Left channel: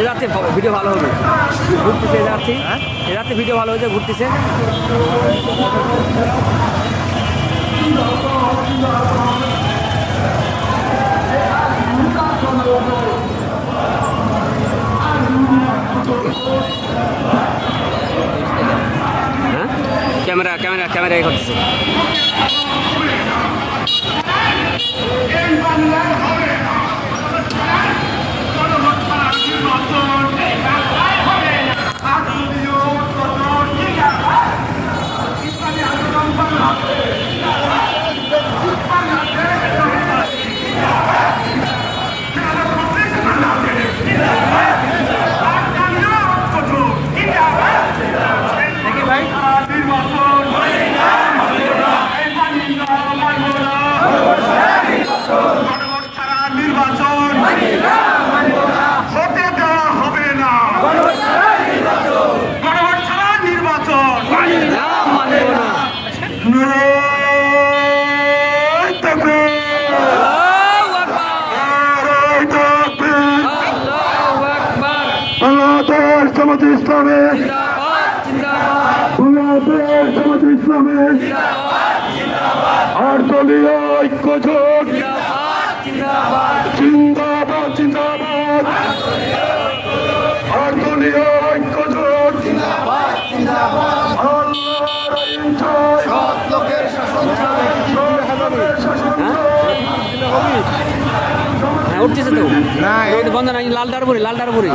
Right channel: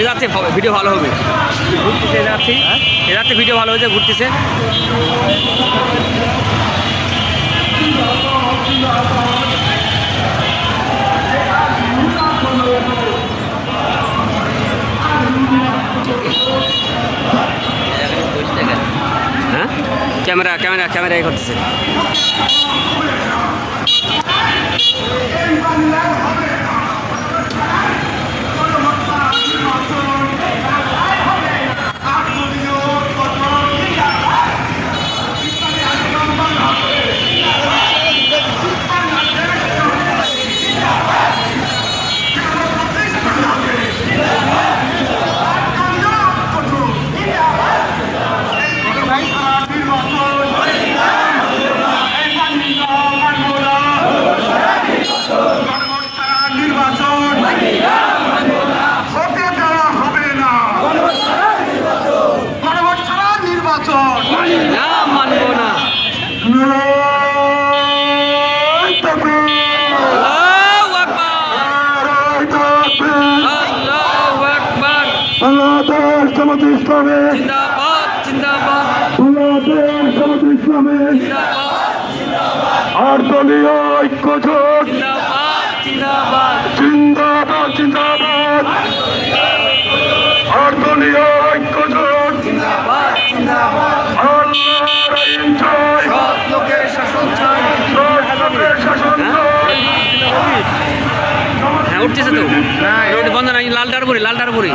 এ যাচ্ছে ভিডিও ভালো হবে, ঘুরতেছে যাচ্ছি, এ যাচ্ছে ভিডিও ভালো হয়েছে, ঘুরতেছে। হ্যাঁ, ক্যামেরা ক্যামেরা ক্যামেরা এ করতেছে। না মানবো না। আল্লাহু আকবার, আল্লাহু আকবার। বাংলাদেশ জামাতে ইসলামী জিন্দাবাদ জিন্দাবাদ বাংলাদেশ জামাতে ইসলামী জিন্দাবাদ আট দলীয় ঐক্য জোট জিন্দাবাদ জিন্দাবাদ জিন্দাবাদ জিন্দাবাদ আট দলীয় ঐক্য জোট জিন্দাবাদ জিন্দাবাদ। আল্লাহর আইন চাই, সৎ লোকের শাসন চাই। লোকের শাসন চাই। হ্যাঁ উঠতেছে তো, বন্ধ নাই। লাল ডারবুরি, লাল ডারবুরি।